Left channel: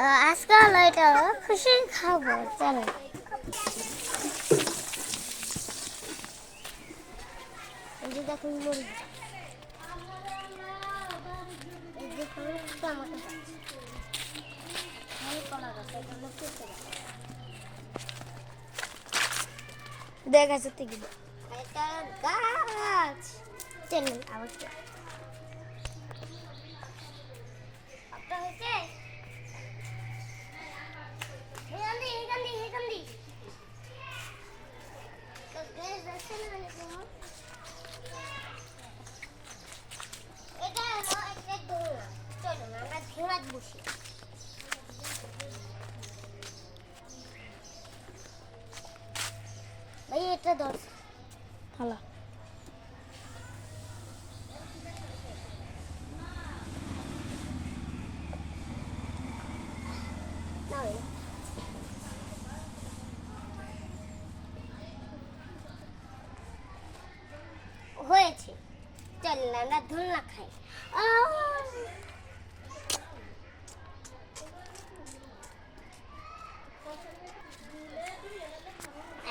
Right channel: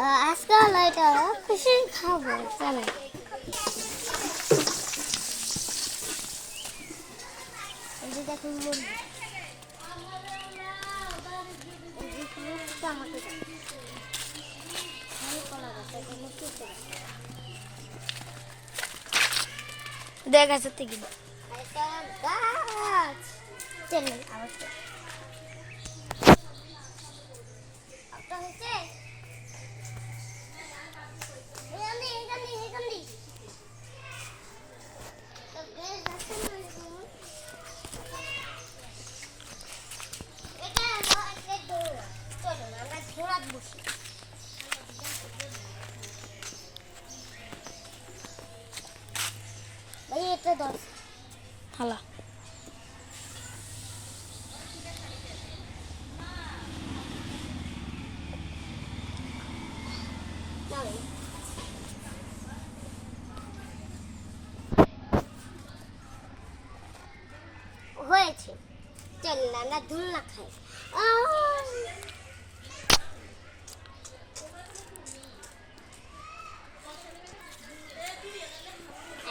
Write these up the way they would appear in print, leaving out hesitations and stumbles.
আজকে হলো এটা খুশি খাবো চলো। এই যে দেখুন মুরগি, এই যে টমেটো কলা গাছ, এটা হলো পেঁপে গাছ। দেখা যাচ্ছে কি এটা গাছ চলেন আমাকে আপনার হয়েছে এখান দি তো গ্যাস আছে না এরকম? এটা হলো একটা দৌড়, চলুন আমরা ঘোড়াত বসি। ভাই এটা ধর হালা নাও। হয়েছে, চলুন আমরা ধুলনা খাই।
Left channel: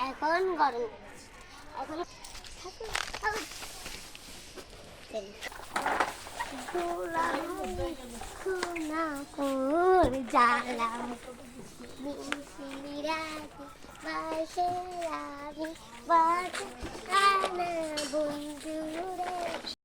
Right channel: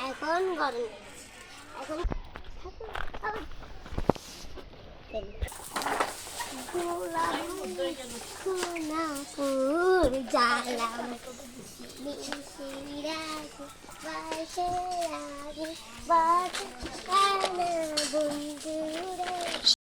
এখন গরম, এখন জালাম বন্ধুরা।